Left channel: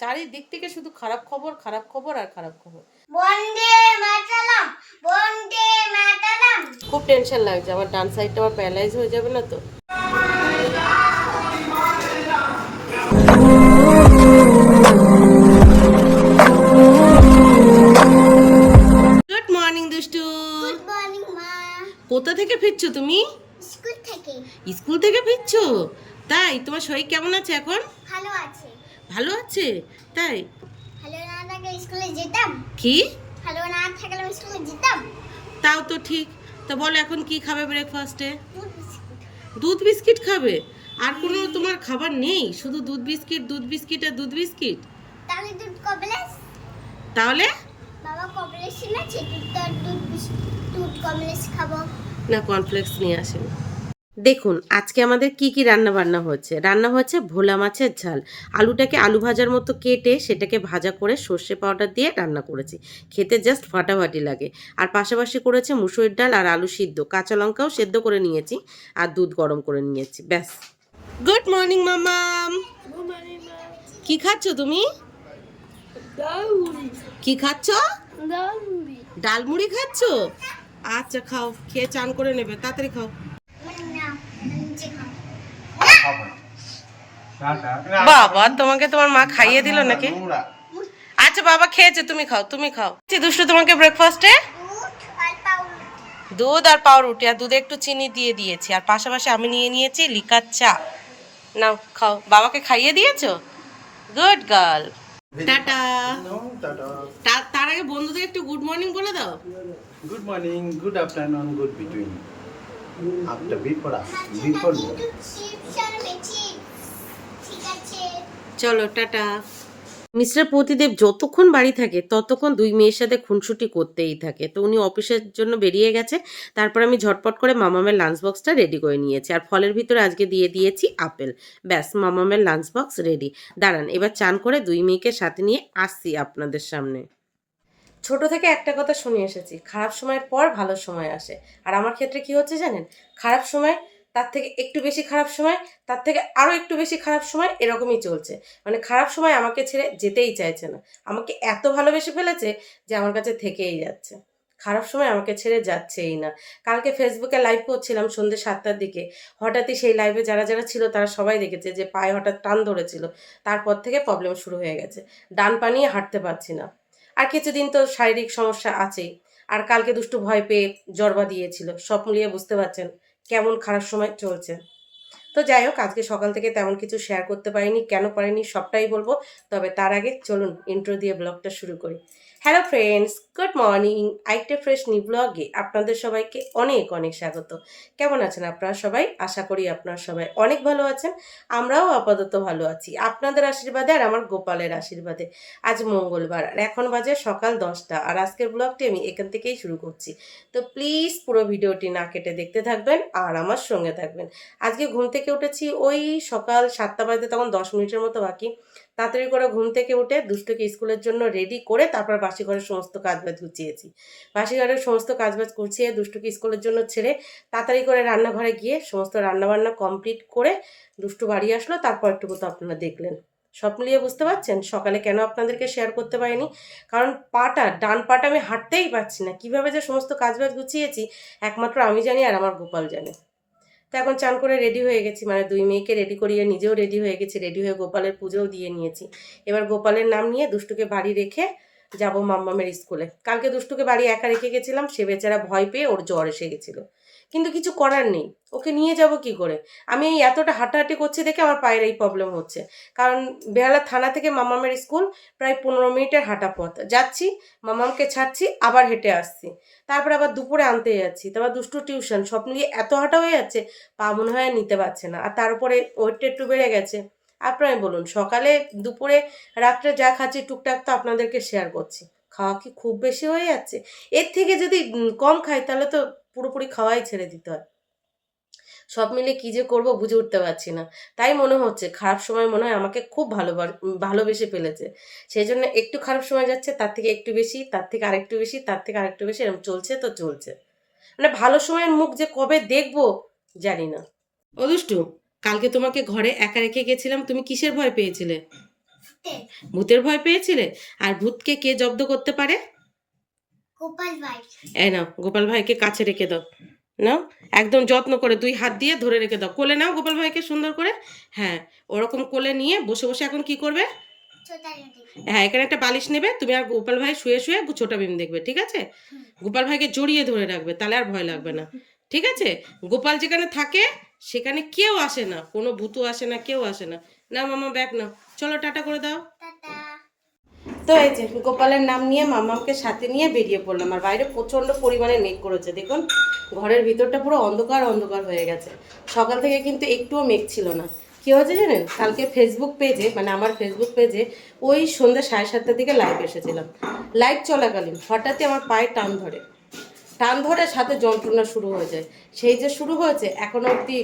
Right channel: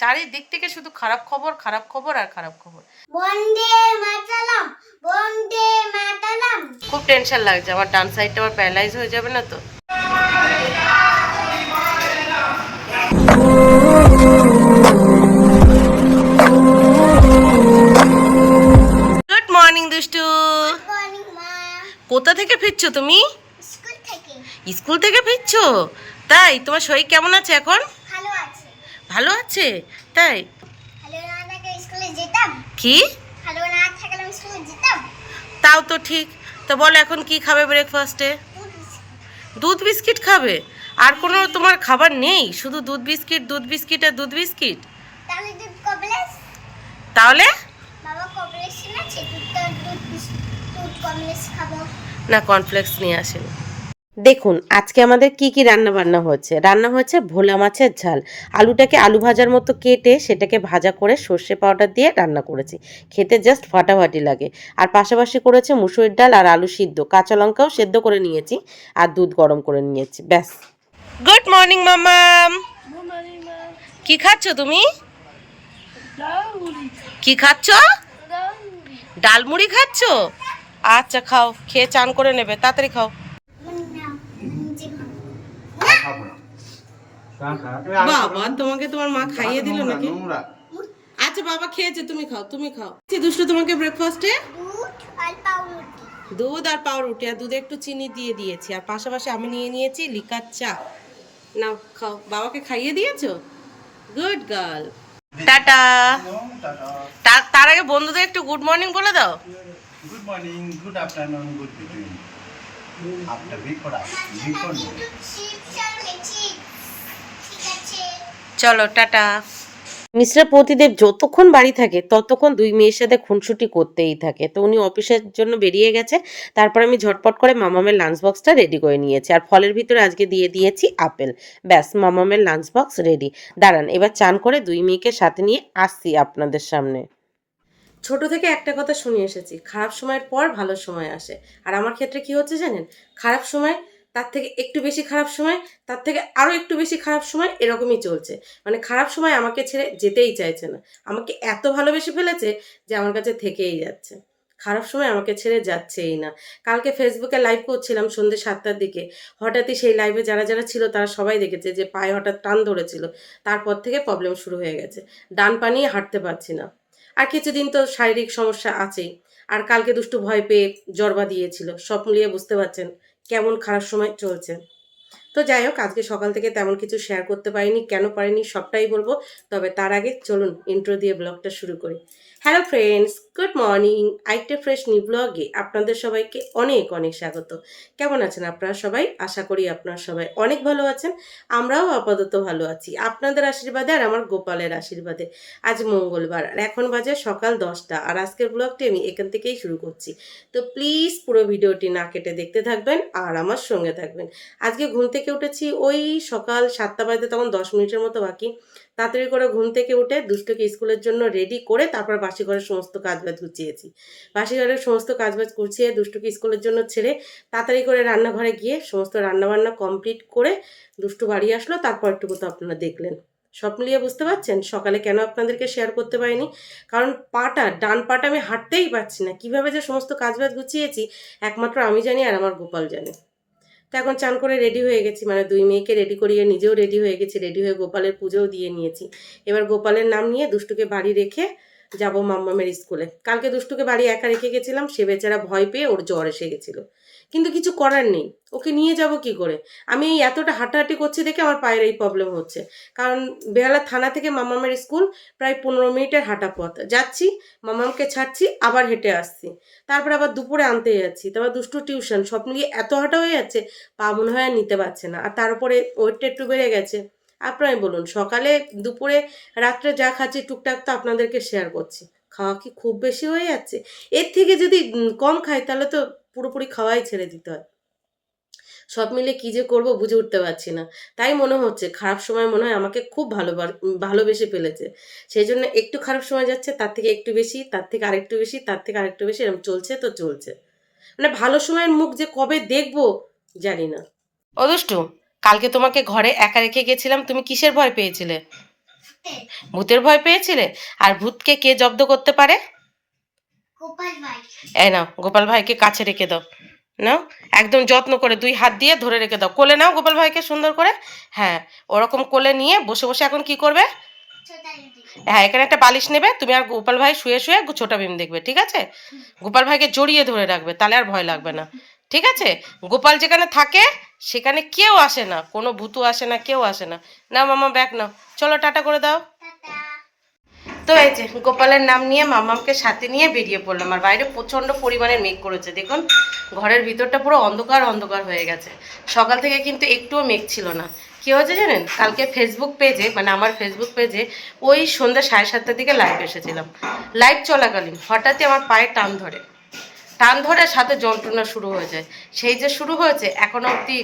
চারিদিক থেকে শুধু খারাপ খবর খারাপ খবর আর খারাপ খবর। খুব টেনশন লাগছে আমার ডান সাইডটা আমার প্যারালাইজ হয়ে যাবে না তো? গুড মর্নিং দুষ্টু। কোথা থেকে ফিরছো তুমি? স্কুল থেকে ফিরছো? তাই তোমার শরীর কেমন আছে এখন? ভালো আছে? তাই? কি? তাও তো ঠিক। তো বলো এখন কি খাবে ব্রেকফাস্টে দুধ বিস্কিট। খাবে? আর কোনো তোমার খাবার নেই? শুধু দুধ বিস্কিট দুধ বিস্কিট আর দুধ বিস্কিট? তাহলে না কর্নফ্লেক্স নিয়ে আসেন। দেখুন আজকে আমাদের কি কি রান্না বান্না হচ্ছে? রান্না হচ্ছে ভোলা মাছের ঝাল। আলুটাকে আলু ভাজার মতো কেটে সেটাকে ভাজা করে সর্ষে পাউডার দিয়ে রান্না করেছি। খেতে জাস্ট ফাটাফাটি লাগে। আর পাশাপাশি করেছে মুসুরির ডাল আর আলু সিদ্ধ। কাঁচা লঙ্কাও সেদ্ধ করে নিয়েছি আর দুধ গরম করে নিয়েছি। ব্যাস। গুড মর্নিং মামাম কি খাচ্ছ তুমি? কি খাচ্ছ? ডালমুড়ি খাচ্ছ? আচ্ছা খাও। খেয়ে চান করে নেবে। তাড়াতাড়ি খাও না নিজে খাব বাবা তোমাকে তোমার মা খাইয়ে দিল নাকি? আচ্ছা বাবা খেয়েছে তুমি খাও তুমি খাও। দুষ্টু তোমাকে ব্রেকফাস্টে দুধ আর পাউরুটি আর দুধে একটু চিনি দিয়ে দিয়েছি। আর পাশাপাশি আমি নিয়ে নিয়েছি লিকার চা। নাও খাও। বাবাকে খাইয়ে দিয়েছ? Good girl tata. তার তার আগে বন্ধুদের একটু গুড মর্নিং বলে দাও। Good morning good afternoon good between after before before chip চালামেছি ঠিক আছে চলো, টাটা। মিস্টার প্রতিদেব যতক্ষণ বাড়ি থাকে, ততক্ষণ দুই মেয়ের সাথে খুনসুটি করতেই থাকে। তো উনি অফিসের জন্য বেরিয়ে গেছে। তারপর আমি ঝটপট করে মামামের লাঞ্চ বক্সটা রেডি করে নিয়েছি। আর ফলের ভিতরে আজকে দিয়ে দিয়েছি আপেল। ব্যাস, মামামের লাঞ্চ বক্স রেডি দাঁড়ান, এবার চান করে দুই মেয়েকে সাথে নিয়ে আসছি আপনাদের সামনে। ছোট থেকে একটা কথা শুনে এসেছি, খারাপ সময়ের পর ভালো সময় আসে। আর আমার ক্ষেত্রে কি হচ্ছে জানেন? খারাপ সময় তার থেকে একটু বেশি খারাপ সময়, তার থেকে আরও একটু বেশি খারাপ সময় এরকমই চলছে। মানে খারাপ সময় আমাকে ছেড়ে যেতেই চাইছে না। আমাকে এত ভালোবেসে ফেলেছে যে আমার কাছে থেকেই যাচ্ছে। খারাপ সময় আমাকে ছেড়ে যাচ্ছেই না। কালকে ফেসবুকে লাইভ করছিলাম সন্ধ্যে সাতটার দিকে। হঠাৎই সেই লাইভে যারা যারা ছিল তারা সবাই দেখেছে যে পায়ে হঠাৎ টান ধরেছিল। তারপর থেকে প্রবলেম শুরু হয়ে গেছে। ডান পা নিয়ে হাঁটতে পারছি না। আর কিছুদিন তো শারীরিক সমস্যা আছেই। আর কালকে দুষ্টু ভয় পেয়ে জরবা দিয়েছিল। সব মিলিয়ে বুঝতে পারছেন কেমন খারাপ সময় চলছে। তো যাই হোক, আজকে সকাল থেকে তেমন কিছু শেয়ার করতে পারিনি, কেন পারিনি সবটাই বলব। তবে তার আগে চলুন ইন্ট্রো দিয়ে ব্লগটা শুরু করি। হ্যালো ফ্রেন্ডস গুড মর্নিং আইটে ফ্রেশ নি ব্লগে আপনাদের সবাইকে অনেক অনেক স্বাগত। কেমন আছেন আপনারা সবাই? আশা করি আপনারা সবাই অনেক ভালো আছেন। আমরাও আপাতত ভালো আছি। আপনাদের আশীর্বাদে আর আমার গোপালের আশীর্বাদে আজ মঙ্গলবার আর এখন বাজে সকাল দশটা আর আজকের ব্লগটি আমি এখান থেকেই শুরু করছি। তো প্লিজ পুরো ভিডিওটি না কেটে দেখতে থাকবেন আর আমার সঙ্গে থাকবেন। আজকে ঘুম থেকে উঠেছি ওই সকাল সাতটা বাজতে তখন দশ মিনিটের মতো বাকি। তাড়াতাড়ি করে ঘুম থেকে উঠে দুষ্টুকে স্কুলের জন্য রেডি করে তারপর বাসি ঘরের সমস্ত কাজবাজ গুছিয়েছি। বাসি ঘরের সমস্ত কাজবাজ গুছিয়ে দুষ্টুকে স্কুলের জন্য ছেড়ে তাড়াতাড়ি করে রান্নাঘরে গিয়ে সমস্ত রান্নাবান্না কমপ্লিট করে দুষ্টু বাড়ি আসলো, তারপর একটু তো আপনারা দেখলেন। সব মিলিয়ে বুঝতে পারছেন? সকালে কেন আপনাদেরকে শেয়ার করতে পারিনি? কারণ পাটা, ডান পাটা আমি হাঁটতেই পারছি না। কীভাবে যে সমস্ত কাজবাজ গুছিয়েছি, একমাত্র আমি জানি আর আমার গোপাল জানে। তো এখন চান করে রেডি হয়ে গেছি। মানে দুই মেয়েকে রেডি করিয়ে নিজেও রেডি হয়ে গেছি রেডি হয়ে গোপালের পুজোও দিয়ে নিয়েছি। এবার গোপালের নাম নিয়ে দুষ্টুকে বাড়ি রেখে যাব মাম্মামের স্কুলে। কালকে দুষ্টুকে বাড়ি একা রেখে গেছিলাম, সে বেচারা ভয় পেয়ে ওর জ্বর এসে গেছিল। কিন্তু কিছু করার নেই। ওকে নিয়ে যাব কি করে? আমি এই এতটা হাঁটাহাঁটি করছি দেখে আমার পায়ের এই প্রবলেম হচ্ছে। কারণ বেহালা থানা থেকে মামামের স্কুল প্রায় পনেরো মিনিটের হাঁটা পথ। যাচ্ছি, মামামকে ছাড়ছি, আবার হেঁটে আসছি। তারপর আবার দুপুরে আনতে যাচ্ছি। তারপর দুষ্টু টিউশন সব মিলিয়ে এত হাঁটা হয়ে যাচ্ছে, পা মনে হয় নিতে পারছে না। আর তার উপরে ওয়েটটা একটু বেড়ে গেছে। আপনারাই বলুন, সকালে, দুপুরে, রাত্রে যা খাচ্ছি টুকটাক তো আপনাদেরকে শেয়ার করছি। খাওয়া কি খুব বেশি হয়ে যাচ্ছে? এর থেকে যদি কম খাই তাহলে তো পুরোপুরি খাওয়াই ছেড়ে দিতে হয়। সব মিলে কি যে করব বুঝে উঠতে পারছি না। তাই মনে হচ্ছে খারাপ সময় মনে হয় আমাকে খুব ভালো ভালোবেসে ফেলেছে। সেই জন্য একটু খারাপ সময় যাচ্ছে তার থেকে একটু বেশি তার থেকে আরেকটু বেশি তার থেকে আরেকটু বেশি এরকম চলছে তো চলছে। মানে ভালো সময়ের মুখ যে কবে দেখব জানি না। ও দুষ্টু কালকে তোমাকে ঘরে একা রেখে গেছিলাম তুমি কিসের ভয় পেয়েছিলে? ভূতের ভয় পেয়েছিলে? আর ভূতকে কে জব্দ করতে পারে? এই নাও গোপাল ভাইকে কাছে রেখে দাও। নাও একদম যত্ন করে দুই হাত দিয়ে ধরে রেখে দাও। কোলে নাও গোপাল ভাইকে সুন্দর করে। হ্যাঁ ওরকম কোলে নিয়ে বসে বসে এখন কি করবে? হ্যাঁ এখানে একটা বালিশ নেবে তুমি আর গোপাল ভাই শুয়ে শুয়ে ছোটা ভীম দেখবে ঠিক আছে? গোপাল ভাইকে জড়িয়ে ধরে রাখবে তাহলে আর ভয় লাগবে না ঠিক আছে? গোপাল যেখানে থাকে সেখানে কেউ আসে না কোনো ভূতু আসে না কেউ আসে না। না মামা ব্যাগ নাও। চলো টাটা করে দাও। টাটা। তো এই যে গোপালের নাম নিয়ে মামাকে সাথে নিয়ে বেরিয়ে পড়লাম। আর বাইরে প্রচণ্ড পরিমাণে মেঘ করেছে। দেখুন, ঘরের ভিতরটা পুরো অন্ধকার অন্ধকার হয়ে গেছে। সকাল থেকে কিন্তু একটুও মেঘ ছিল না। কী হয়েছে জানেন? কালকে ফেসবুক পেজে মানে আমার ফেসবুক পেজে ওই সন্ধ্যা সাড়ে সাতটার দিকে লাইভ এসেছিলাম। লাইভ চলাকালীন হঠাৎই আমার পায়ে টান ধরে। টান ধরে সাথে যন্ত্রণা শুরু হয়ে যায়। সেই যে শুরু হয়েছে, এখনও অবধি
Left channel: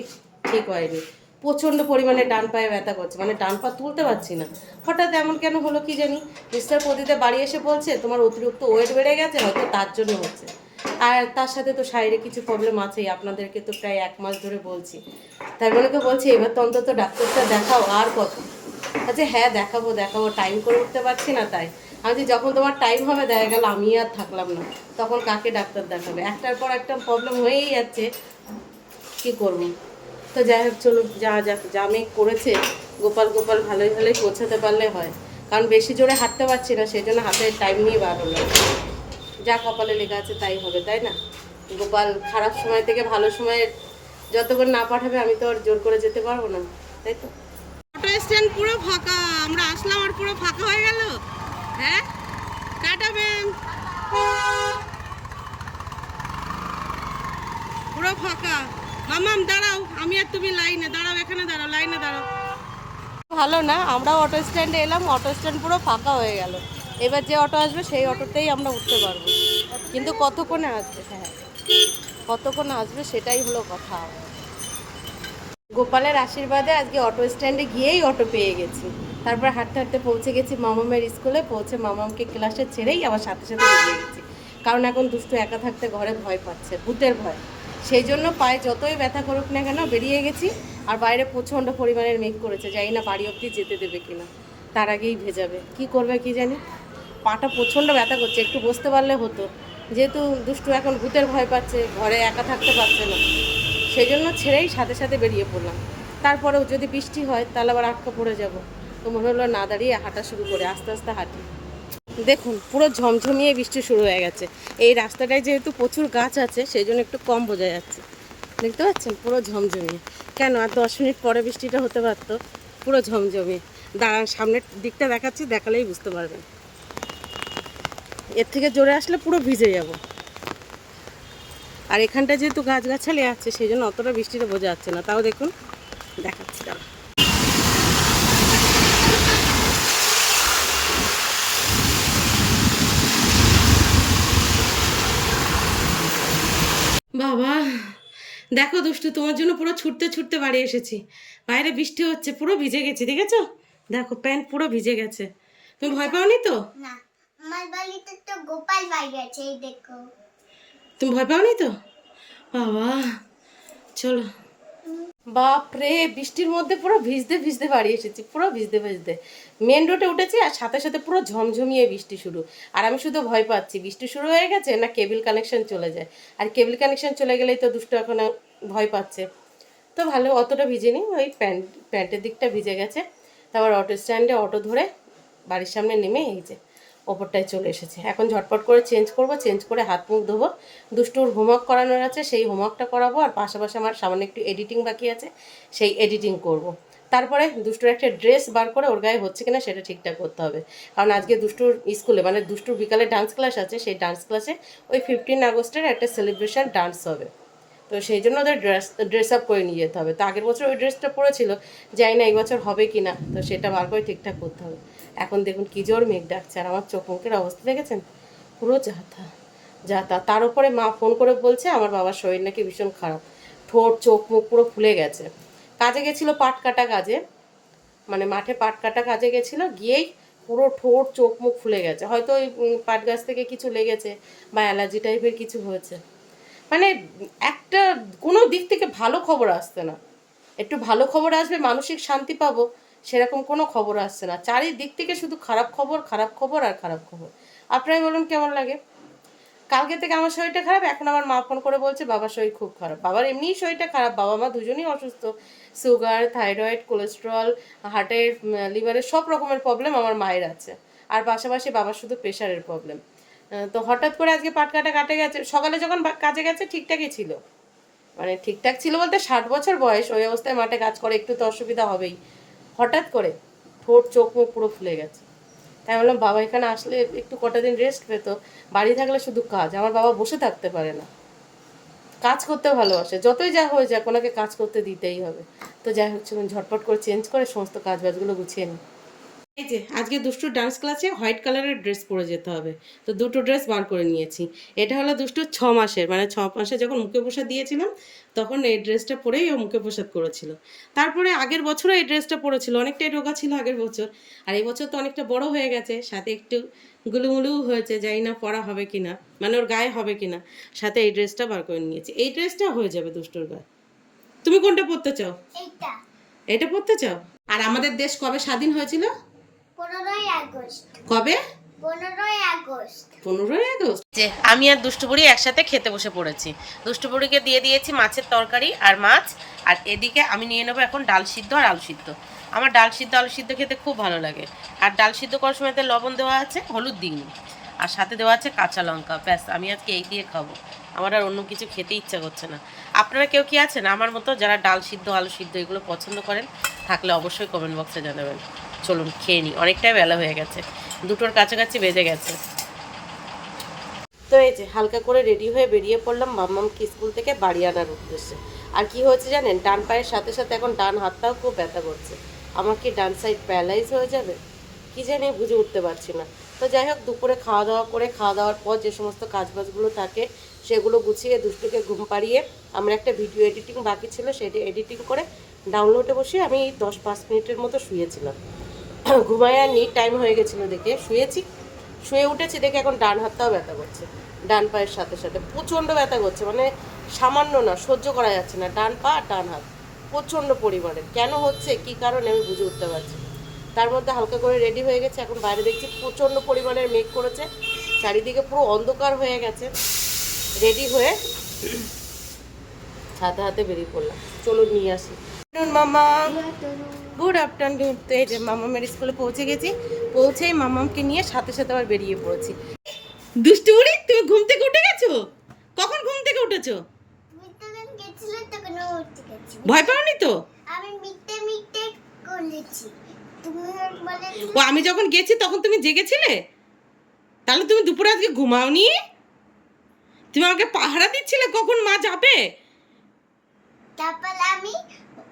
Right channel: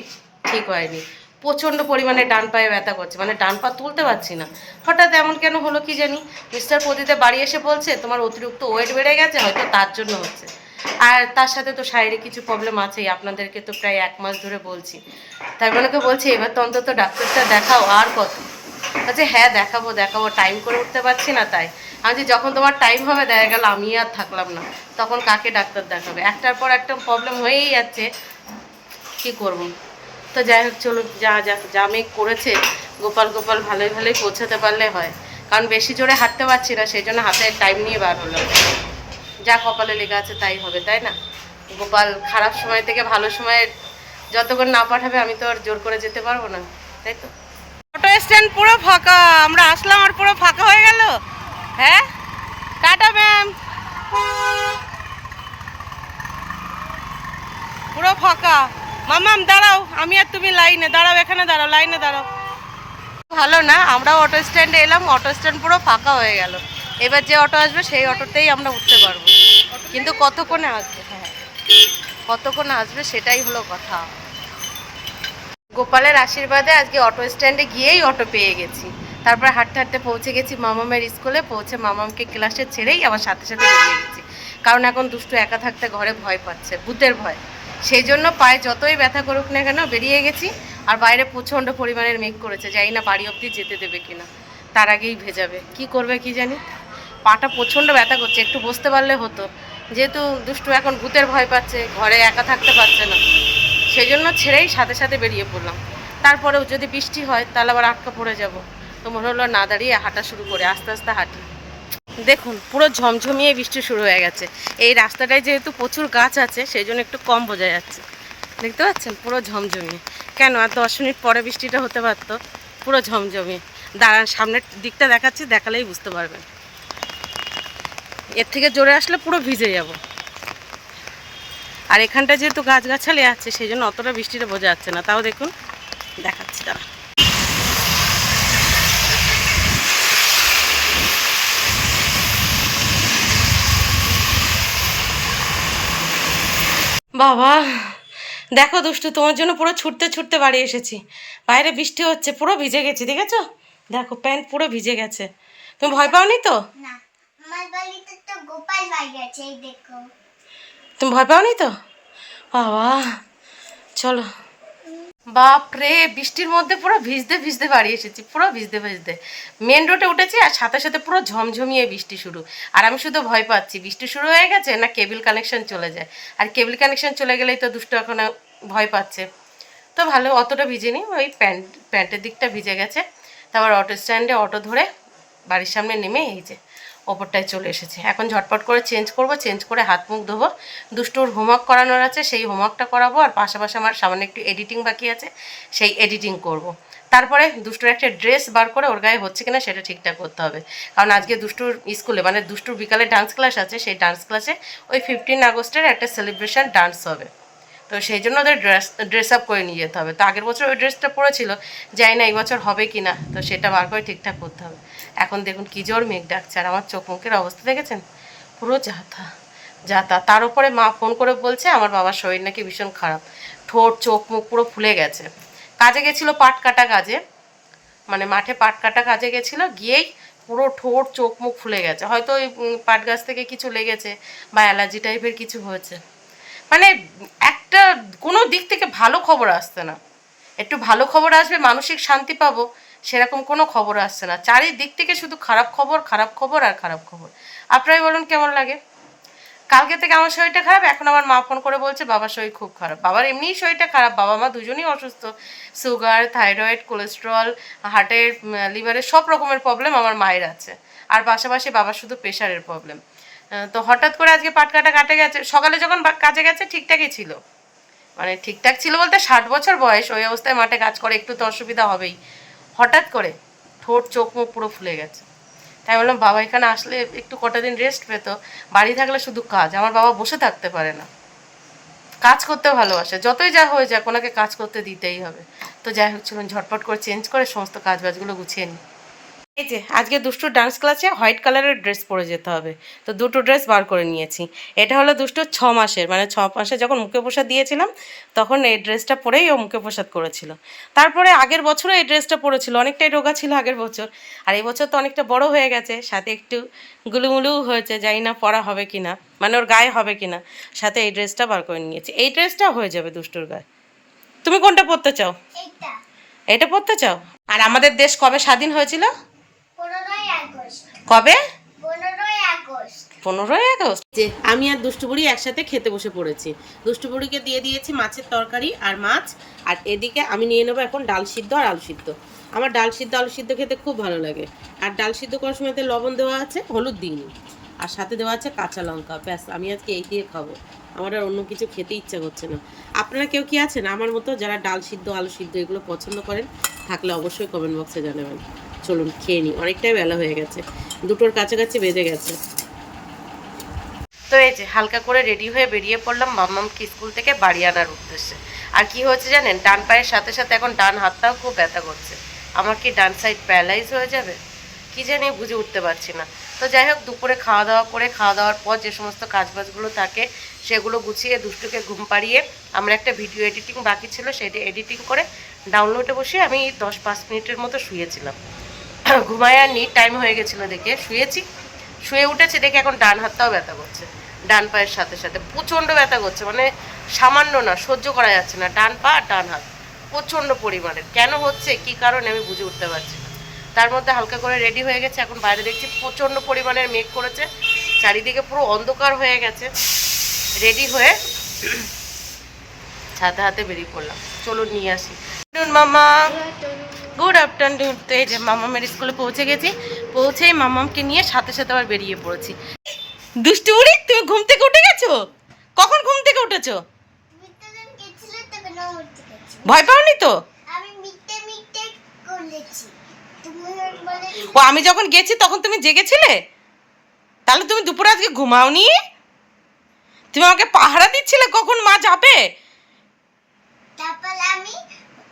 ঠিক হয়নি। প্রচণ্ড পরিমাণে ডান পায়ে ব্যথা করছে মানে ডান পা তুলতে পারছি না। হঠাৎ এমন কেন হলো কি জানি? মিস্টার প্রদীতে বাড়ি এসে বলছে, তোমার অতিরিক্ত ওয়েট বেড়ে গেছে, হয়তো তার জন্য হচ্ছে। আর তার সাথে তো শারীরিক কিছু প্রবলেম আছেই, আপনাদেরকে তো প্রায় এক মাস ধরে বলছি। তাই বলে বলছি, এবার তো অন্তত ডাক্তারটা দেখাও, আর কত? আচ্ছা হ্যাঁ দেখাবো দেখাবো টাইম করে উঠতে পারছি না তাই। আমি যখন তোমার টাইম হবে, দেখা গেল, আমি আর থাকলাম না। তখন কাকে ডাক্তার দেখাবে? একটার পর একটা প্রবলেম হয়েই যাচ্ছে। কি করব? তো যাই হোক, চলুন, যা যা যা মেঘ করেছে, গোপাল গোপাল ভালোই ভালোই পৌঁছাতে পারলে হয়। কারণ বেশি জোরে হাঁটতে পারছি না, সেই জন্য হাতে টাইম নিয়ে বার হলাম। যা কপালে লেগে আছে তাই হবে, তাই না? গোপাল খারাপ সময় থেকে ভালো সময়ে যতক্ষণ না পাঠাবে, আমি তো আর জোর করে যেতে পারব না, তাই তো? অটো স্ট্যান্ড পুরো ফাঁকা, আমরা আসলাম আর পুরো ফাঁকা হয়ে গেল। হ্যাঁ? টাটা ম্যাম পুরো ফাঁকা। মামাম, দাঁড়াও, আমি আর তুমি লাইনে, দাঁড়াও এখানে, দাঁড়াও, লাইনে দাঁড়াও। ভালো না আমরাও অটো স্ট্যান্ডে এলাম অটো স্ট্যান্ড পুরো ফাঁকা হয়ে গেল। এবার যে অটো আসবে, সেই অটোতেই আমরা উঠতে পারব। কিন্তু কতক্ষণে আসবে হ্যাঁ? কতক্ষণে আসবে, সেটাই হলো কথা। গোপালের আশীর্বাদে আজকে অটো স্ট্যান্ডে গিয়েই অটো পেয়ে গেছি। তারপর হাঁটতে হাঁটতে পৌঁছে গেছি মামামের স্কুলে, পৌঁছে মামামকে ক্লাসে ছেড়েই আমার সাথে সাথে বেরিয়ে গেছি। কারণ এখন দুষ্টু একা থাকতে ঘরে ভয় পাচ্ছে, ভূতের ভয়। সেই জন্য পায়ে যতই ব্যথা করুক না কেন বেরিয়ে গেছি। আর বাইরে প্রচণ্ড পরিমাণের মেঘ করেছে, জানি না বাড়ি অবধি যেতে দেবে কিনা। তার আগেই ভেজাবে। কি করবে কি জানি? পাটা প্রচণ্ড ব্যথা করছে, একটু বসতে পারলে হতো। যেহেতু দুষ্টু এখন ভূতের ভয় পাচ্ছে, ঘরে একা থাকতে পারছে না। সেই জন্য ছেড়েই সাথে সাথে বেরিয়ে পড়লাম। তারপরেও যদি বৃষ্টি হয়, তাহলে আবার আটকা পড়ে যাব। তো মনে হলো না দাঁড়িয়ে হাঁটা শুরু করে, আস্তে আস্তে হাঁটি। দেখুন, পুরো ঝমঝমিয়ে বৃষ্টি শুরু হয়ে গেছে। এই রাস্তাটায় যেহেতু প্রচুর গাছ আছে সেই জন্য একটু কম বোঝা যাচ্ছে। দেখতে পাচ্ছেন? পুরো ঝমঝমিয়ে। কেন? আর দশ মিনিট পরে বৃষ্টিটা হতে পারতো। পুরো ঝমঝমিয়ে। দাঁড়ান, সামনের দিকটা দেখাচ্ছি, দেখালেই বুঝতে পারবেন। এর থেকে জোরে আসলে পুরো ভিজে যাব। আর এখানটা যেহেতু গাছগাছালি আছে সেই জন্য অতটা বৃষ্টিটা বোঝা যাচ্ছে না। তাও দেখুন, দেখাচ্ছি তারা বাবা দেখো দুষ্টু তোমার জন্য পুরো ছুটতে ছুটতে বাড়ি এসেছি। বাইরে বৃষ্টি হচ্ছে পুরো ভিজে গেছে দেখেছ? দেখো প্যান্ট পুরো ভিজে গেছে। তুমি ভয় পাওনি তো? তুমি ভয় পাওনি তো? বাবা চলো। বাপরে, বৃষ্টির মধ্যে পুরো ভিজতে ভিজতে বাড়ি এসেছি, পুরো ভিজতে ভিজতে। মেন রোডে উঠেছি আর সাথে সাথে পুরো ঝমঝমিয়ে বৃষ্টি শুরু। আর আমি শুধু ভয় পাচ্ছি, বৃষ্টি শুরু হয়ে গেছে না কেবল কানেকশন চলে যায়? আর কেবিল কানেকশন চলে গেলেই তো দুষ্ট এখন ভয় পাচ্ছে। তো ভালো, অতটা ভিজেনি, ওই প্যান্ট, প্যান্টের দিকটা ভিজে গেছে। তারপর অটো স্ট্যান্ডে অটো ধরে বাড়ির সামনে নেমে এই যে ওপরটায় চলে এসেছে। এখন ঝটপট করে চেঞ্জ করব চেঞ্জ করে হাত মুখ ধোবো। দুষ্টুর হোমওয়ার্ক করানোর আছে, সেই হোমওয়ার্কটা করাবো। আর পাশাপাশি আমার সামান্য একটু এডিটিং বাকি আছে, সেই এডিটিং করব। তারপরে দুষ্টুর একটা ড্রেস বার করে ওর গায়ে হচ্ছে কিনা সেটা ঠিকঠাক করতে হবে। কারণ আজকে দুষ্টুর স্কুলে মানে দুষ্টুর বিকালে ডান্স ক্লাস আছে, সেই ডান্স ক্লাসে ওই ফিফটিন আগস্টের একটা সেলিব্রেশন ডান্স হবে। তো সেই জন্য ওদের ড্রেস ড্রেস আপ করে নিয়ে যেতে হবে। তো আগের বছর ওই ড্রেসটা পরেছিল, জানি না এই বছর হবে কি না তো সেটা বার করে ঠিকঠাক করতে হবে। এখন দেখুন কী জোর মেঘ ডাকছে, আর আমার চোখ মুখের অবস্থা দেখেছেন? পুরো যাতা যাতা। তার উপরে মা ফোন করে বলছে, আমার বাবার শরীর নাকি ভীষণ খারাপ। ঠোঁট, চোখ, মুখ পুরো ফুলে গেছে। কাজে গেছিল পাট কাটা কাজে মানে মাঠে পাট কাটা কাজে গেছিল, গিয়েই পুরো ঠোঁট, চোখ, মুখ ফুলে গেছে। হয়তো ওই পাট গাছ থেকে কিছু লেগেছে বা অ্যালার্জি টাইপের কিছু হয়েছে। মানে একটা কোনো দিক থেকে ভালো খবর আসছে না। একটু ভালো খবর আসবে, মানসিক শান্তি পাবো, সেরকম কোনো খবর আসছে না। চারিদিক থেকে শুধু খারাপ খবর খারাপ খবর আর খারাপ খবর। আপনারাই বলুন কেমন লাগে? কালকে থেকে আমার শরীরটা খারাপ, এখন আমার মা ফোন করে বলছে, বাবার শরীর খুব খারাপ। বাবার এমনিই শরীরটা খারাপ, বাবা মা দুজনেই অসুস্থ। সুগার, থাইরয়েড, কোলেস্ট্রল, হার্টের লিভারের সব রকমের প্রবলেম আমার মায়ের আছে। আর পাশাপাশি বাবার শুধু প্রেশারের প্রবলেম তো হঠাৎ করে আজকে পাট কাটা গেছে। সকালে যখন কাজে গেছে, ঠিকঠাকই ছিল। মানে ঠিকঠাক ছিল বলতে ষাট বছর বয়স, ওই অবস্থায় মাঠে কাজ করে, একটু তো অসুবিধা হবেই। হঠাৎ করে ঠোঁট, চোখ, মুখ পুরো ফুলে গেছে। তাই বললাম, বাবা, এখানে আসলে একটু কটা দিন রেস্ট পেতো। বাড়ি থাকলে শুধু কাজ। আমার বাবা বসে থাকতে পারে না। কাজ করতে ভালোবাসে। যতই যা হয়ে যাক, ওনাকে কাজ করতে দিতেই হবে। তো যাই হোক, চলুন ঝটপট করে চেঞ্জ করে সমস্ত কাজ বাজগুলো গুছিয়ে নিই। এই যে আজকে দুষ্টুর ডান্স ক্লাসে হোয়াইট কালারের ড্রেস পরে যেতে হবে। তো দুটো ড্রেস বার করে নিয়েছি। এটা হলো দুষ্টুর ছ মাসের মানে ছ মাসে যখন মুখে প্রসাদ দিয়েছিলাম তখন এই ড্রেসটা পরেই ও মুখে প্রসাদ করেছিল। তারপরে আগের বছরও এই ড্রেসটা পরেছিল অনেকটাই রোগা ছিল আগের বছর। আর এই বছর তো অনেকটা বড় হয়ে গেছে সাথে একটু গুলুমুলুও হয়েছে জানি না পরা হবে কি না মানে ওর গায়ে হবে কি না সাথে এই ড্রেসটা বার করে নিয়েছি। এই ড্রেসটা হয়ে যাবে দুষ্টুর গায়ে। তুমি কোনটা পরতে চাও? এটা পরতে চাও? আর আমাদের দেশ কবে স্বাধীন হয়েছিল? কবে? পনেরোই আগস্ট। যে আমি আর দুষ্টুবুড়ি একসাথে খেতে বসে পড়েছি। দুষ্টুবুড়িকে দিয়ে দিয়েছি মাছের তরকারি আর মাছ আর এদিকে আমি নিয়ে নেব এখন ডাল সিদ্ধ আর আলু সিদ্ধ। আমার ডাল সিদ্ধ আলু সিদ্ধ খেতে খুব ভালো লাগে। আর ডাল সিদ্ধ করার সময়তে লবণ দেওয়া আছে হলুদ দিইনি। আর সাথে দেওয়া আছে কাঁচা লঙ্কা। ব্যাস আমি আজকে এই দিয়ে খাব। আমার আর অন্য কিছু খেতে ইচ্ছা করছে না। আপনারা কেউ কি আছেন? আমার মতো যারা ডাল সিদ্ধ আলু সিদ্ধ এগুলো পছন্দ করেন থাকলে অবশ্যই কমেন্ট বক্সে জানাবেন। চলুন খেয়ে নিই অনেকটাই বেলা হয়ে গেছে। দুটোর কাছাকাছি বেজে গেছে। তো এই যে, হালকা করে রেডি হয়ে বেরিয়ে পড়লাম মাম্মামকে স্কুল থেকে বাড়ি আনার উদ্দেশ্যে। আর কি হয়েছে জানেন, ডান পায়ের সাথে সাথে এখন ডান হাতটাও খুব ব্যথা করছে। আমার কি ডান সাইড প্যারালাইজ হয়ে যাবে? কি জানি বুঝে উঠতে পারছি না। তো যাই হোক, দুপুরে খাওয়া দাওয়া করে, খাওয়া দাওয়ার পর যে সমস্ত কাজবাজগুলো থাকে, সেগুলো গুছিয়ে দুষ্টুকে ঘুম পাড়িয়ে আমরা একটা ভিডিও এডিটিং বাকি ছিল, সেটা এডিটিং করে ডাউনলোডে বসে আমি দশ পাঁচ মিনিটের মতো শুয়েছিলাম। ঘুমায় আর টাইম হয়ে গেছিল দেখে। শুয়েছি। শুয়ে উঠেছি দেখে এখন ডান হাতটাও ব্যথা করছে। ডান পায়ের সাথে সাথে প্রচণ্ড ব্যথা করছে। মানে সামান্য না, সহ্য করা যাচ্ছে না। ডান পা ডান হাত। প্রচণ্ড পরিমাণে। কেন হচ্ছে? কি কারণে? আমি বুঝে উঠতে পারছি না। তার মধ্যে হালকা করে রেডি হয়ে গেছে। এখন বাইরে দেখছি প্রচণ্ড পরিমাণের মেঘ করেছে। চারিদিকে পুরো অন্ধকার হয়ে গেছে। রেডি হয়ে ছাতে হাতে বেরিয়ে পড়লাম। চলো নিয়ে আসি। মামা গুড আফটারনুন তো এই যে মামা মামামের স্কুলে পৌঁছে গেছি। পৌঁছেই মামামকে নিয়ে সাথে সাথে আবার বেরিয়ে পড়েছি। দুষ্টু বুড়ি তুমি ঘুম থেকে উঠে গেছো? কখন ঘুম থেকে উঠেছো? ভয় পাওনি তো? ও আমি যখন গেছি তখন তুমি জেগেছিলে? তাহলে তুমি দুপুরে আজকে ঘুমাওনি? তুমি আমাকে পাহারা দিচ্ছিলে কখন মা যাবে? তারপর আমি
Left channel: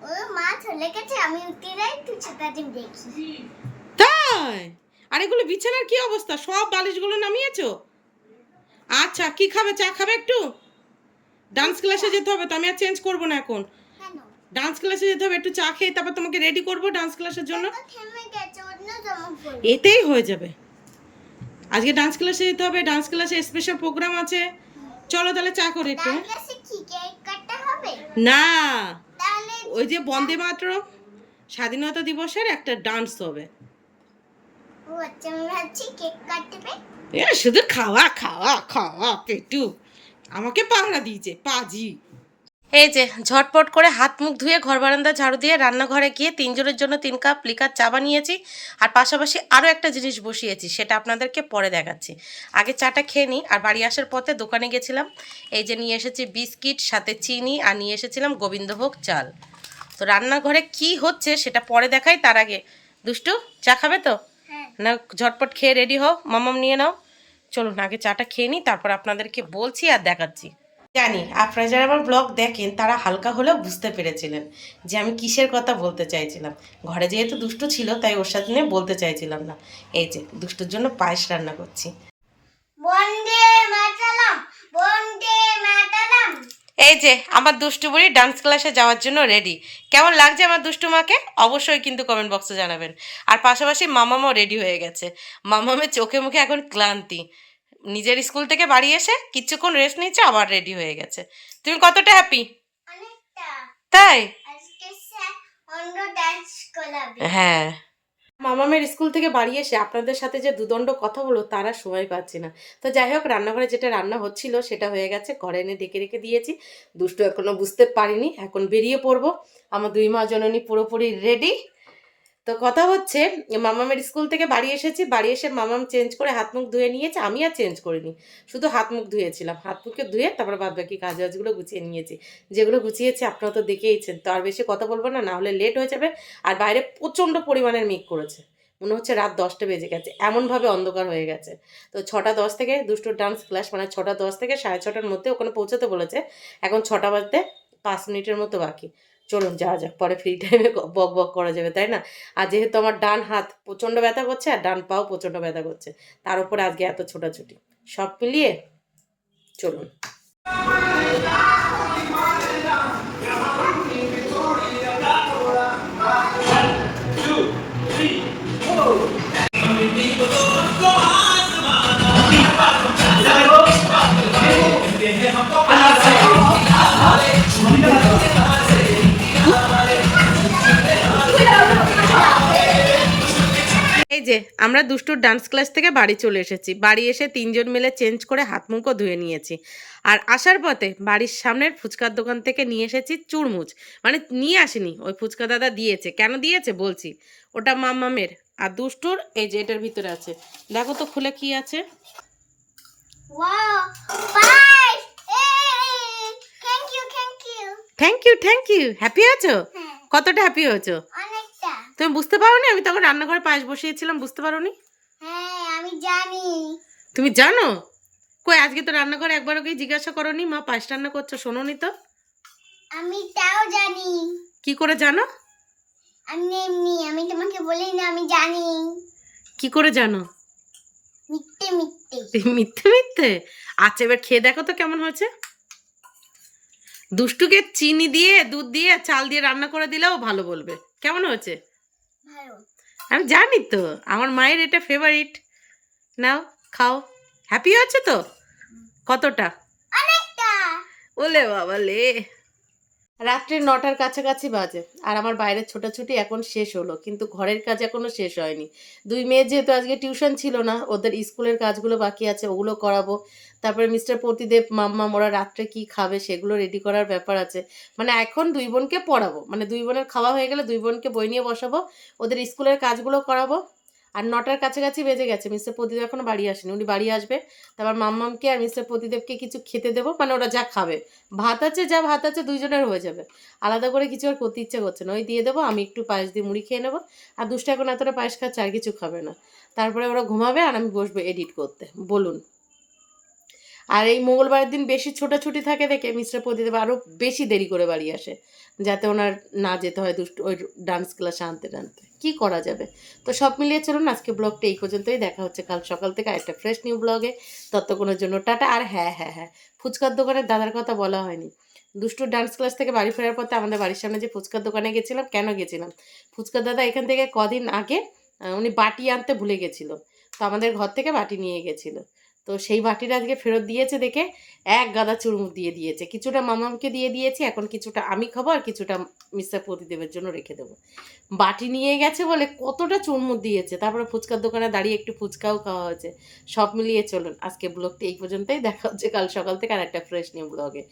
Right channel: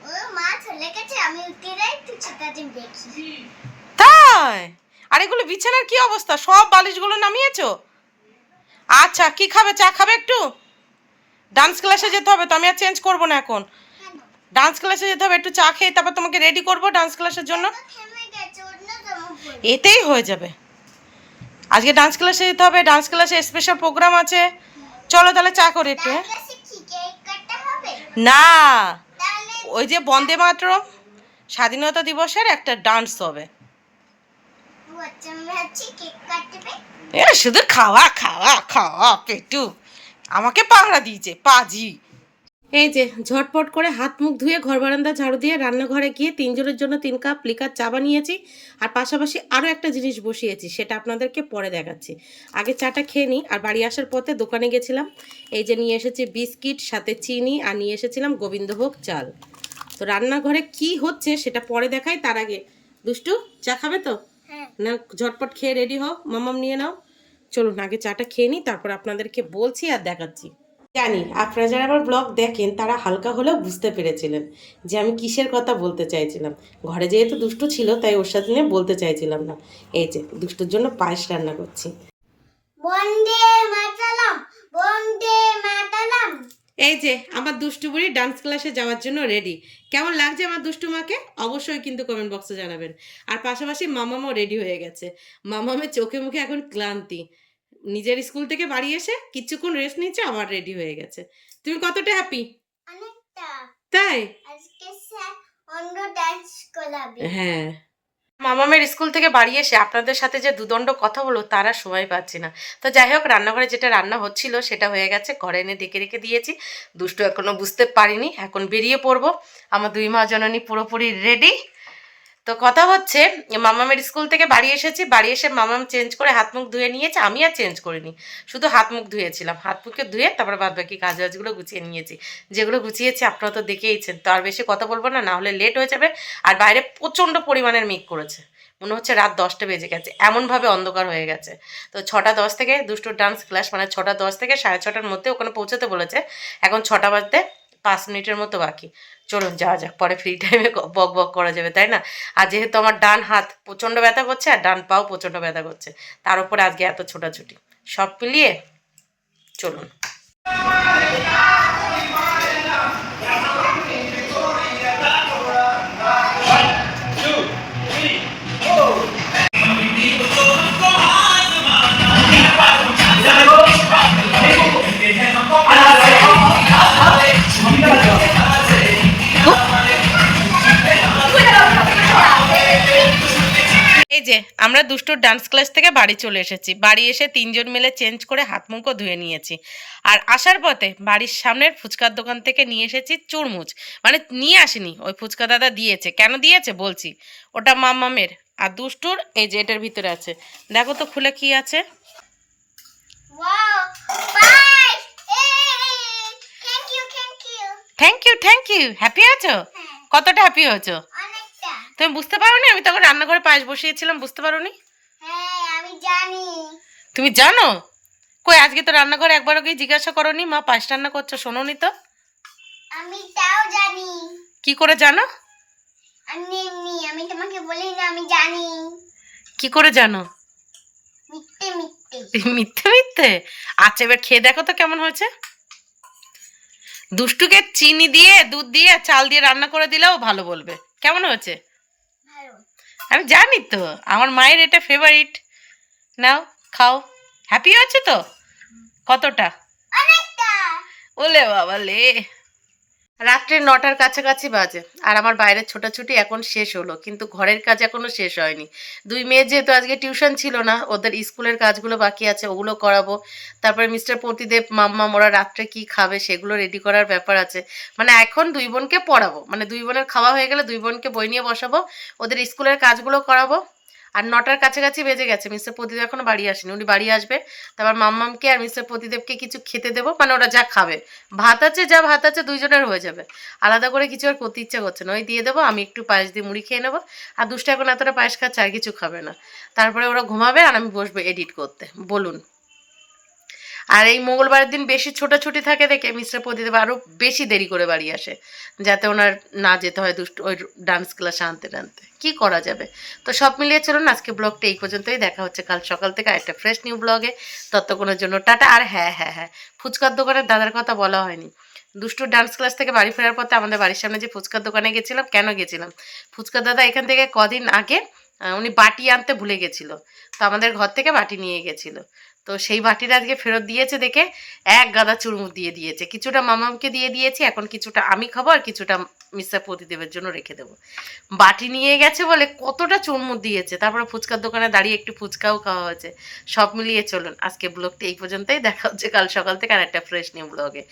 ও মা চলে গেছে আমি উঠে যাই তুই ছোটা দেখি। তাই? আর এগুলো বিছানার কি অবস্থা? সব বালিশগুলো নামিয়েছো? আচ্ছা কি খাবে? চা খাবে একটু? ডান্স ক্লাসে যেতে হবে তো আমি আর চেঞ্জ করব না এখন। ডান্স ক্লাসে যেতে হবে একটু চা খেয়ে তারপর তোমাকে রেডি করব ডান্স ক্লাসের জন্য। এতেই হয়ে যাবে। আজকে ডান্স ক্লাসে যেতে হবে ডান্স ক্লাসে স্পেশাল প্রোগ্রাম আছে। চলো তাহলে চা করে একটু হ্যাঁ? না। ওই যে বন্দে মাতরম, স্বাধীনতা দিবসের একটা ডান্স হবে। শুধু খাওয়া খাওয়া খাওয়া, পেটু। আমাকে পাহারা দিয়েছে, পাজি। এই যে, ঝটপট করে হাত মুখ ধুয়ে ঘর বারান্দা ঝাড়ু দিয়ে রান্নাঘরে গিয়ে তিনজনের জন্য তিন কাপ লিকার চা বানিয়েছি। আর পাশাপাশি আরও একটা জিনিস বসিয়েছি, সেটা আপনাদেরকে পরে দেখাচ্ছি। আগে চাটা খেয়ে নিই, আর বাড়ি আসার পথে দোকানে গেছিলাম। এই যে, নিয়ে এসেছি বিস্কিট, সাথে চিনি, আর নিয়ে এসেছিলাম গোবিন্দভোগ চাল। তো রান্নাঘরে কি হচ্ছে সেটা পরে দেখাই তার আগে। দুষ্টু চা খাবে তো? হ্যাঁ। না ঝটপট খেয়ে রেডি হও মামাম নিয়ে নাও। চলুন আগে চাটা খেয়ে নিই তারপর আপনাদেরকে বলছি আর দেখাচ্ছি। জানি আপনারা যারা আমার ব্লগ দেখেন তারা হালকা হলেও বুঝতে পেরেছিলেন যে আমি কিসের কথা বলতে চাইছিলাম। ঘরে যেহেতু দুষ্টু ছিল তাই ওর সাথে নিয়ে বলতে চাইছিলাম না। এই যে দুষ্টুর জন্য পায়েস রান্না করছি। বন্দে মাতালাম বন্দে মাতালাম এই যে আমার দুষ্টু বুড়ি ডান্স ক্লাসে যাওয়ার জন্য রেডি কেমন লাগছে আমার দুষ্টু মাকে? অবশ্যই কিন্তু কমেন্ট বক্সে জানাবেন। আর পাশাপাশি মামামও রেডি হয়ে গেছে। মামামের চোখে মুখে এখন ক্লান্তি। নিজের স্কুল থেকে বাড়ি এসে কিছুক্ষণ রেস্ট নিচ্ছে আবার রেডি হয়ে গেছে। তুমি কতটা হ্যাপি তাই? হ্যাঁ। মামামের স্কুল থেকে বাড়ি এসে আপনাদের সাথে যে দুদণ্ড কথা বলো তারা সময় পাচ্ছি না। তো যাই হোক, রান্নাঘরে যেটা রান্না হচ্ছিল, সেটা হয়ে গেছে। ঘরে এনে ডেকে রেখে দিয়েছি। দুষ্টু এখনও বুঝতে পারিনি। এখন বেরিয়ে পড়ব। আমার দুই মা জননী পুরোপুরি রেডি তো কথা হচ্ছে, মামামের স্কুল থেকে বাড়ি এসেছি, বাড়ি এসে মামাম চেঞ্জ করে হাত মুখ ধুয়ে নিয়েছে, আমি আর চেঞ্জ করিনি। শুধু হাত মুখ ধুয়েছিলাম, হাত মুখে ধুয়ে তারপরে বাদ বাকি কাজ বাজগুলো গুছিয়ে নিয়েছি। যেগুলো গুছিয়েছি আপনারা তো দেখেইছেন, তো আর বেশি কথা বলব না না হলে লেট হয়ে যাবে আর বাইরে প্রচণ্ড পরিমাণের মেঘ করেছে। মনে হচ্ছে রাত দশটা বেজে গেছে, এমনভাবে অন্ধকার হয়ে গেছে। তো ছটা দশ থেকে দুষ্টুর ডান্স ক্লাস মানে ছটা দশ থেকে সাড়ে ছটার মধ্যে ওখানে পৌঁছতে বলেছে, এখন ছটা বাজতে পাঁচ মিনিটের মতো বাকি। চলুন, যাওয়া যাক। পরে ফ্রি টাইমে বক বক করা যাবে, তাই না? আর যেহেতু আমার ডান হাত প্রচণ্ড ব্যথা করছে আর ডান পাও প্রচণ্ড ব্যথা করছে, তার উপরে আজকে এত ছোটাছুটি। সব মিলিয়ে চলুন। যে আমরা দুষ্টুর ডান্স ক্লাস থেকে বাড়ি চলে এসেছি। বাড়ি এসে তিনজন মিলে চেঞ্জ করে হাত মুখও ধুয়ে নিয়েছি। আর আসার পথে বাড়ির সামনের ফুচকার দোকান থেকে নিয়ে এসেছি চুরমুচ। মানে নিয়ে আসিনি ওই ফুচকা দাদা দিয়েছে। কেন দিয়েছে? বলছি। ওটা মামামের। আর দুষ্টুর এই যে এটার ভিতরে আছে। দেখো তো খুলে কি আছে। Thank you thank you happy আছো? হ্যাঁ। কতটা হ্যাপি হয়েছো? তুমি বুঝতে পারো আমি তখন রান্নাঘরে পায়েস বসিয়েছিলাম বুঝতে পারো হ্যাঁ আমি জানি। তুমি জানো? কই আজকে তো রান্নাঘরে একবারও গিয়ে জিজ্ঞাসা করনি? মা পায়েস রান্না করছ শোনোনি তো? আমি তাও জানি। কি করে জানো? আমি এমনি আমি তোমাকে বলি না আমি জানি। কি করে জানো? মিথ্যে মিথ্যে। মিথ্যে মিথ্যে? আচ্ছা এবার খেয়ে দেখো তো কেমন হয়েছে। দুষ্টুকে চিনি দিয়ে দুধ দিয়ে চাল দিয়ে রান্না করে দিলেও ভালো বলবে। কেমন হয়েছে? আমি জানি তো আমার মায়ের এটা ফেভারিট নাও খাও। হ্যাপি হয়েছে তো? কতটা? ওলে বাবা লে রাত্রে নটার কাছাকাছি বাজে, আর আমার বাইরের ছোটাছুটি এখন শেষ হলো, কিন্তু ঘরের কাজ এখনও শেষ হয়নি। দুই মেয়ে যেহেতু আজকে টিউশন ছিল না, ওদের স্কুলের কাজগুলো বাকি আছে, ওগুলো করাবো। তারপরে মিস্টার প্রতিদেব, মাম্মা, ওরা রাত্রে কি খাবে সেগুলো রেডি করার ব্যাপার আছে। মানে এখন দুই বোনকে পড়াবো মানে দুই বোনের খাওয়া হয়ে গেলে দুই বোনকে বই নিয়ে বসাবো, ওদের স্কুলের কাজগুলো করাবো আর নটার কাছাকাছি বেজে গেছে। মিস্টার প্রদীপ এখনও বাড়ি আসেনি। উনি বাড়ি আসবে, তারপর মাম্মামকে আর মিস্টার প্রদীপকে কিছু খেতে দেবো মানে ওরা যা খাবে। ভাত আছে, যা ভাত আছে, দুইজনের হয়ে যাবে। আলাদা করে কিছু আর করতে ইচ্ছা করছে না। ওই দিয়ে দেবো, আমি একটু পায়েস দিয়ে মুড়ি খেয়ে নেব। আর দুষ্টা এখন এতটা পায়েস খাচ্ছে, আর কিছু খাবে না। তারপরে ওরা ঘুমাবে আর আমি বসবো এডিট করতে। বলুন। আর এই মঙ্গলবারের দিন বেশি ছোটাছুটি থাকে দেখে মিস্টার প্রদীপ আরও বেশি দেরি করে বাড়ি আসে, যাতে ওনার না যেতে হয় দুষ্ট ওই ডান্স ক্লাসে আনতে টানতে। কি করা যাবে? তো সব মিলিয়ে চলুন, আজকে ব্লগটা এই পর্যন্তই। দেখা হচ্ছে কাল সকাল থেকে একটা ফ্রেশ নিউ ব্লগে ততক্ষণের জন্য টাটা। আর হ্যাঁ হ্যাঁ হ্যাঁ ফুচকার দোকানের দাদার কথা বলা হয়নি। দুষ্টুর ডান্স ক্লাস থেকে বাড়ি ফেরার পথে আমাদের বাড়ির সামনে যে ফুচকার দোকানে গেছিলাম, কেন গেছিলাম? ফুচকার দাদা এখান থেকে কদিন আগে উনি বাটি আনতে ভুলে গেছিল। তো আমাদের ঘর থেকে বাটি নিয়ে গেছিল। তো সেই বাটিটা আজকে ফেরত দিয়েছে দেখে এক গাদা চুরমুর দিয়ে দিয়েছে। কিছুটা মামামকে দিয়ে দিয়েছি, এখন কিছুটা আমি খাব আর কিছুটা মিস্টার প্রতিদেবের জন্য রেখে দেবো। বাটি নিয়ে গেছে বলে কতটা চুরমুর দিয়েছে, তারপরে ফুচকার দোকানে দাঁড়িয়ে একটু ফুচকাও খাওয়া হয়েছে। সব মিলিয়ে চলুন, আজকে ব্লগটি এই পর্যন্তই, দেখা হচ্ছে কাল সকাল থেকে আর একটা ফ্রেশ নিউ ব্লগে